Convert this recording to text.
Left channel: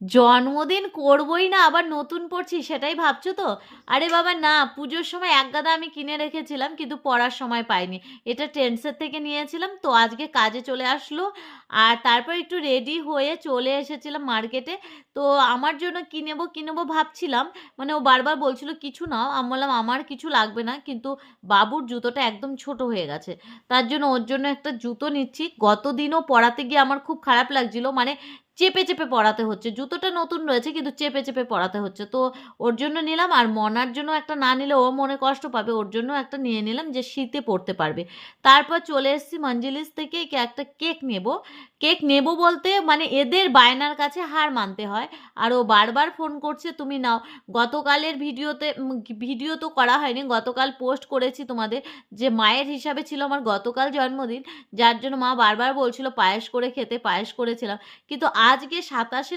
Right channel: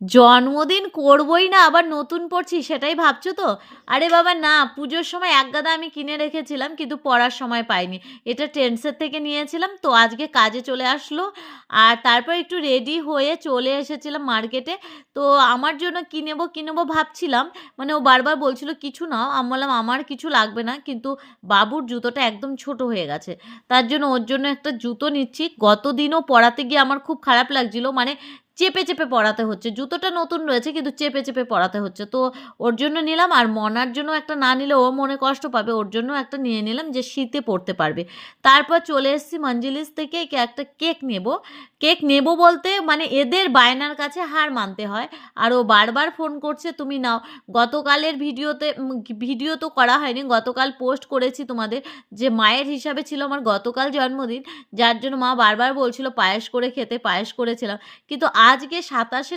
জন্মদিন করবই না, আবার নতুন পড়ছি সেটাই ভাবছো তো? আরে বাবা না, পুজোর সময় এক গাদা আমি কিনে রেখেছিলাম কিন্তু পড়ার সময় পাইনি। এটা ট্রেন্ডসের থেকে নিয়েছিলাম, তো আজকে কাজে চলে আসলো। আর তারপর একটু রেডি হয়ে চলে এসেছিলাম মার্কেটে। তো আমার জন্য কি নেবো ভাবছিলাম। মানে ও বারবার বলছিল কিছু নাও, আমি বললাম আমার কিছু লাগবে না, কিন্তু বাবুর জুতোটা একদম ছোট হয়ে গেছে। তার জন্য ওর জন্য একটা জুতো নিচ্ছি। গত দিনও পরাতে গিয়ে আমার খুব খারাপ লাগছিল, মানে চেপে চেপে পরাতে হচ্ছে। জুতোটা নতুন রয়েছে কিন্তু চেপে চেপে পরাতে হচ্ছে। তো ওর জন্য নিলাম, আর মনার জন্য একটা না নিলে ও মনে কষ্ট পাবে, ওর জন্য একটা নিয়ে নিলাম যে শীতে পরতে পারবে। তারপর চলে এসেছি মঞ্জিলিস থেকে, একটা কেক নেব। কেক নেব বলতে মানে এদের বায়নার কাছে হার মানতে হয়। আর ও বারবার ফোন করছে তুমি নাও। গতকালের ভিডিও তো করা হয়নি, গতকাল পোস্ট করেছি তোমাদের, যে মায়ের হিসাবে ছিল আমার গতকাল জন্মদিন, যার জন্য মা বারবার বলছিল পায়েস করে খেতে, পায়েস করেছিলাম। কিন্তু আজকে 27শে